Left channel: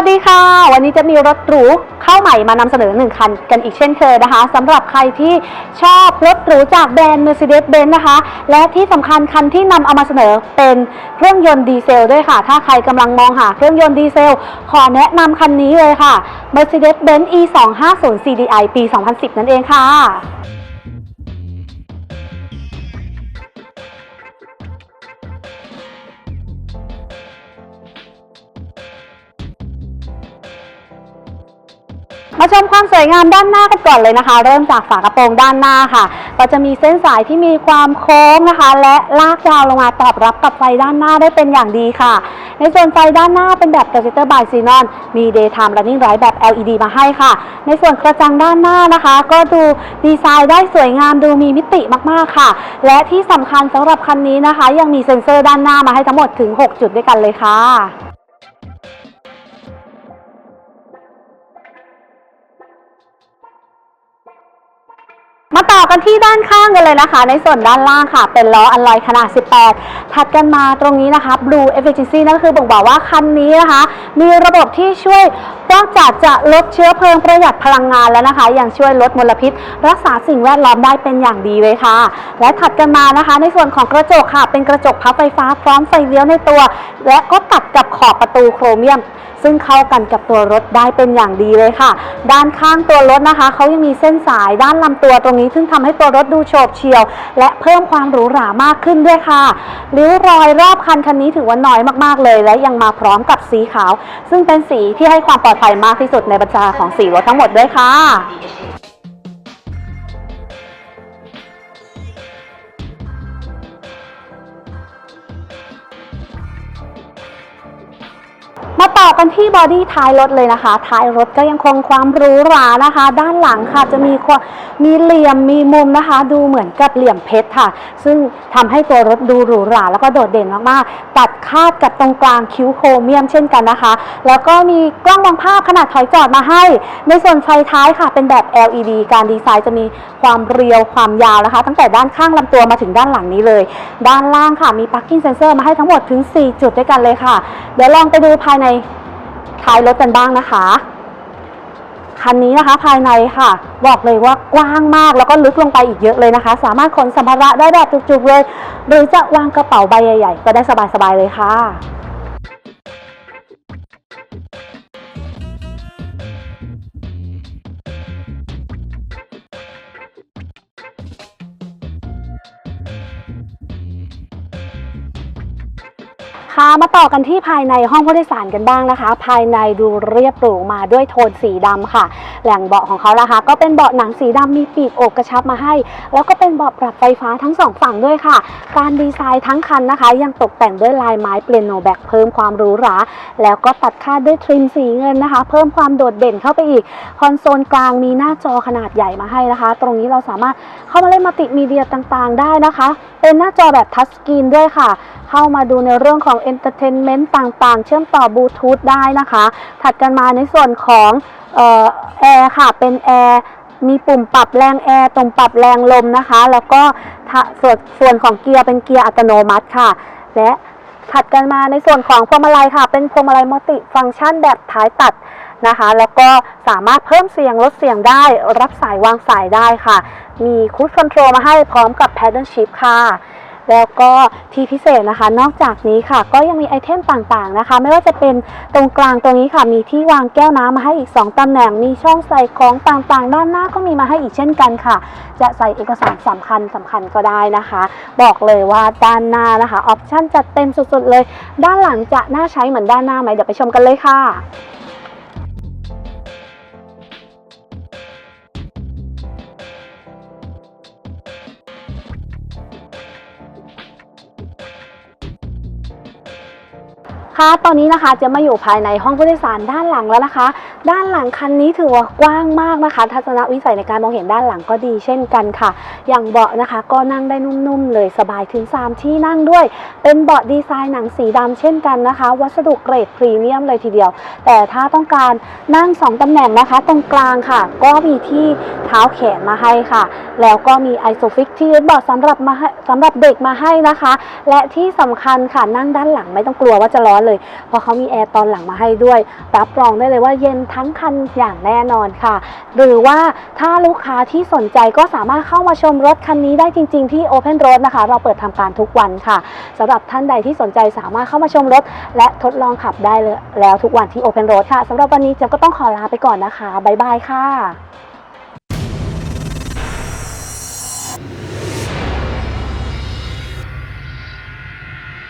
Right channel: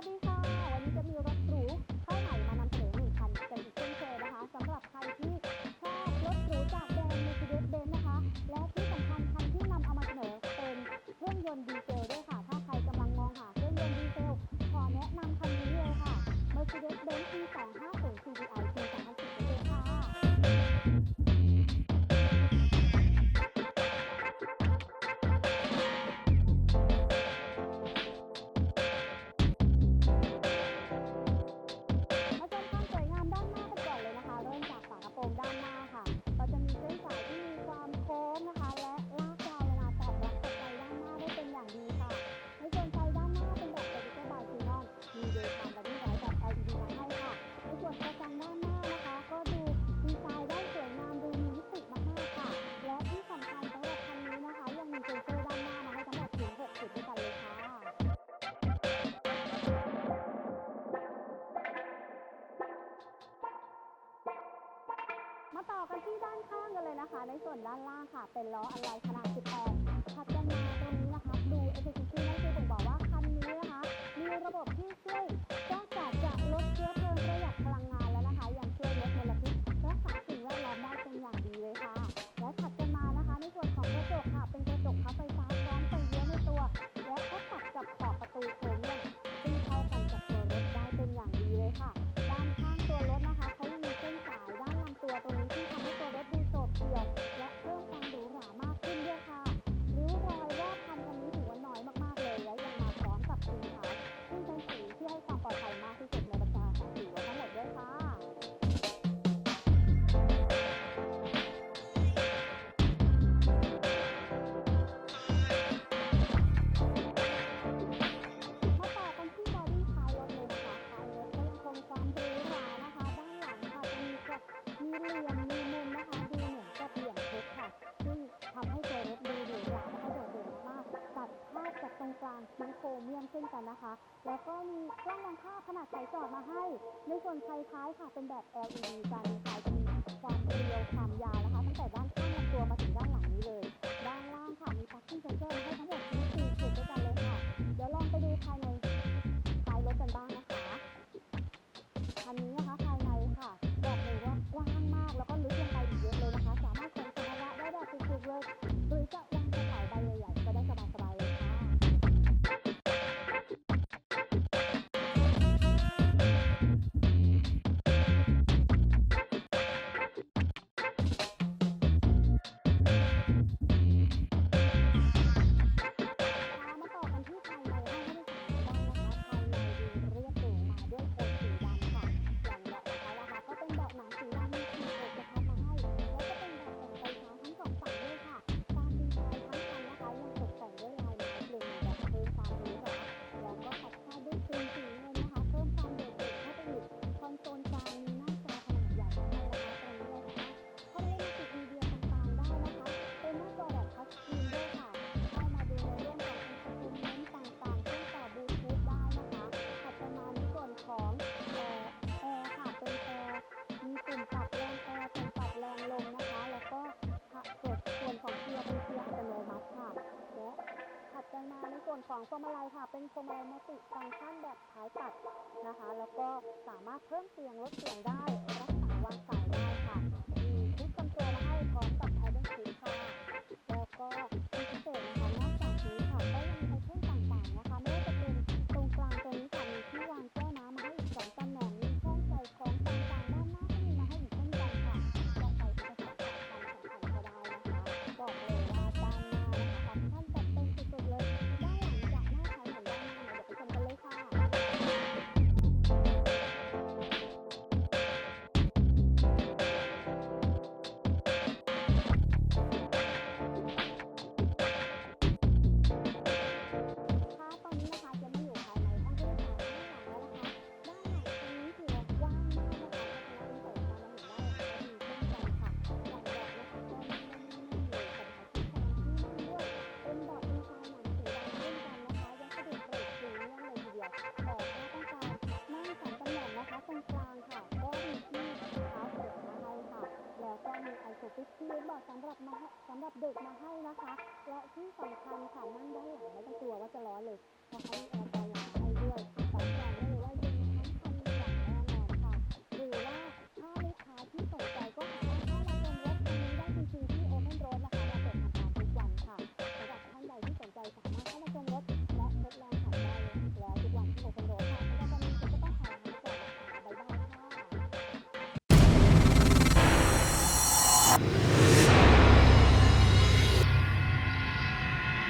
วัสดีค่ะ วันนี้จะมีรถหรูเข้าใหม่มานำเสนอหนึ่งคันกันอีกเช่นเคยนะคะสำหรับใครที่ชอบรถหรูจากแบรนด์ Mercedes-Benz นะคะ และที่สำคัญคันที่นำเอามาเสนอเป็นเครื่องยนต์ดีเซลด้วยค่ะ ถ้าใครกำลังมองหาเครื่องยนต์ดีเซล ขอแนะนำคันนี้เลยค่ะ Mercedes-Benz E250 CDI ปี 2010 นั่นเองค่ะ มาชมความสวยงามด้านหน้ากันก่อนเลยนะคะ เริ่มจากฝากระโปรงด้านหน้าค่ะ ก็จะมีเส้นสายที่มีความโค้งนะคะ และลากยาวลงมาตอบรับกับไฟด้านหน้าได้เป็นอย่างดีค่ะ ในส่วนไฟด้านหน้าเป็นแบบ Projector by Xenon มี Daytime Running Light แบบ LED มาให้ค่ะ ในส่วนกระจังด้านหน้านะคะ ก็ดูดีไซน์ได้สวยงามดูมีมิติมากๆค่ะ และที่สำคัญสำหรับคันนี้นะคะ ยังมีเซ็นเซอร์ด้านหน้ามาให้ทั้งหมดถึง 6 จุดด้วยกันเลยค่ะ ต่อกันที่ด้านข้างกันเลยนะคะ ในส่วนด้านล่างค่ะ เป็นล้ออัลลอยขนาด 18 ถัดกันมาตรงนี้นะคะ Blue Efficiency นั่นก็คือบ่งบอกว่าคันนี้นะคะ มีระบบที่ช่วยนอกจากจะลดเชื้อเพลิงประหยัดพลังงานแล้วนะคะ ยังช่วยลดมลพิษ รักษาสิ่งแวดล้อมได้เป็นอย่างดีเลยค่ะ และถัดกันมานะคะ ในส่วนของกระจกค่ะ เป็นกระจกพับไฟฟ้าพร้อมไฟเลี้ยวในตัว และก็ตัดกับขอบประตูโครเมียมซึ่งเข้ากันกับตัวรถได้เป็นอย่างดีเลยค่ะ ด้านข้างตัวรถนะคะ เขายังมีเส้นสายด้านลำตัวตรงนี้ซึ่งทำให้ตัวรถดูโฉบเฉี่ยว และเพิ่มความหรูหรามากขึ้นด้วยค่ะริ้วรอยรอบคันคันนี้ถือว่าน้อยมากๆเลย และยังมาพร้อมกับสีขาว ซึ่งเป็นสีที่ให้ความปลอดภัยมากที่สุดในบรรดาของสีรถทั้งหมดด้วยค่ะ มาต่อกันที่บอดี้ท้ายรถเลยนะคะท้ายรถก็ยังคงความหรูหรานะคะ ด้านหลังค่ะจะมีความมีเหลี่ยมมีมุมนะคะ ดูเหมือนกับเหลี่ยมเพชรค่ะ ซึ่งทำให้ตัวรถดูหรูหราแล้วก็โดดเด่นมากๆ ตัดคาดกับตรงกลางคิ้วโครเมียมเช่นกันนะคะ แล้วก็มีกล้องวางภาพขนาดถอยจอดมาให้ ในส่วนไฟท้ายค่ะ เป็นแบบ LED การดีไซน์จะมีความเรียวความยาวนะคะ ตั้งแต่ด้านข้างลำตัวมาถึงด้านหลังนี้เลย ด้านล่างค่ะมี parking sensor มาให้ทั้งหมดถึง 4 จุดด้วยกันเลยค่ะ เดี๋ยวลองไปดูภายในในท้ายรถกันบ้างนะคะ คันนี้นะคะภายในค่ะ บอกเลยว่ากว้างมากแล้วก็ลึกลงไปอีกเยอะเลยนะคะ สามารถขนสัมภาระได้แบบจุกๆเลย หรือจะวางกระเป๋าใบใหญ่ ๆ ก็ได้สบายๆเลยค่ะ มาต่อกันที่ภายในห้องผู้โดยสารกันบ้างนะคะ ภายในดูเรียบหรูมาด้วยโทนสีดำค่ะ แหล่งเบาะของเขานะคะ ก็เป็นเบาะหนังสีดำมีปีกอกกระชับมาให้ แล้วก็เป็นเบาะปรับไฟฟ้าทั้งสองฝั่งด้วยค่ะ การดีไซน์ทั้งคันนะคะ ยังตกแต่งด้วยลายไม้เปลี่ยนโนแบกเพิ่มความหรูหรา แล้วก็ตัดคาดด้วยทริมสีเงินนะคะ เพิ่มความโดดเด่นเข้าไปอีก คอนโซลกลางมีหน้าจอขนาดใหญ่มาให้นะคะ ตรงนี้เราสามารถเข้ามาเล่นมัลติมีเดียต่างๆ ได้นะคะ เป็นหน้าจอแบบทัชสกรีนด้วยค่ะเข้ามาดูในเรื่องของ Entertainment ต่างๆ เชื่อมต่อบลูทูธได้นะคะ ถัดกันมาในส่วนของแอร์ค่ะ เป็นแอร์มีปุ่มปรับแรงแอร์ตรงปรับแรงลมนะคะ แล้วก็ส่วนส่วนของเกียร์เป็นเกียร์อัตโนมัติค่ะ และถัดกันมาในส่วนของพวงมาลัยค่ะ เป็นพวงมาลัยมัลติฟังก์ชันแบบท้ายตัดนะคะ แล้วก็สามารถเพิ่มเสียงลดเสียงได้ รับสายวางสายได้ค่ะ มีคูดคอนโทรลมาให้พร้อมกับ Paddle Shift ค่ะ แล้วก็ที่พิเศษนะคะ นอกจากนี้ค่ะ ก็ยังมีไอเทมต่างๆนะคะ ไม่ว่าจะเป็นตรงกลางตรงนี้ค่ะ มีที่วางแก้วน้ำมาให้อีก 2ตำแหน่ง มีช่องใส่ของต่างๆ ด้านหน้าก็มีมาให้อีกเช่นกันค่ะ จะใส่เอกสารสำคัญสำคัญก็ได้นะคะ บอกเลยว่าด้านหน้านะคะออปชั่นจัดเต็มสุดๆเลย ด้านหลังจะน่าใช้เหมือนด้านหน้าไหมเดี๋ยวไปชมกันเลยค่ะ คะ ตอนนี้นะคะจะมาอยู่ภายในห้องผู้โดยสารด้านหลังแล้วนะคะ ด้านหลังคันนี้ถือว่ากว้างมากนะคะ ทัศนวิสัยในการมองเห็นด้านหลังก็ดีเช่นกันค่ะ อย่างเบาะนะคะก็นั่งได้นุ่มๆเลยสบายถึง 3 ที่นั่งด้วย เป็นเบาะดีไซน์หนังสีดำเช่นกันนะคะ วัสดุเกรดพรีเมียมเลยทีเดียว แต่ถ้าต้องการนั่ง 2ตำแหน่งนะคะ ตรงกลางค่ะ ก็มีที่เท้าแขนมาให้ค่ะ แล้วก็มีไอโซฟิกที่เบาะสำหรับมาสำหรับเด็กมาให้นะคะ และที่สำคัญค่ะนั่งด้านหลังไม่ต้องกลัวว่าจะร้อนเลย เพราะเขามีแอร์ตอนหลังมาให้ด้วย รับรองได้เลยว่าเย็นทั้งคันอย่างแน่นอนค่ะ หรือว่าถ้าลูกค้าที่สนใจก็สามารถเข้ามาชมรถคันนี้ได้จริง ๆ ที่ Open Road นะคะ เราเปิดทำการทุกวันค่ะสำหรับท่านใดที่สนใจสามารถเข้ามาชมรถ และทดลองขับได้เลยแล้วทุกวันที่ Open Road ค่ะสำหรับวันนี้เจ๊ก็ต้องขอลาไปก่อนนะคะบ๊ายบายค่ะ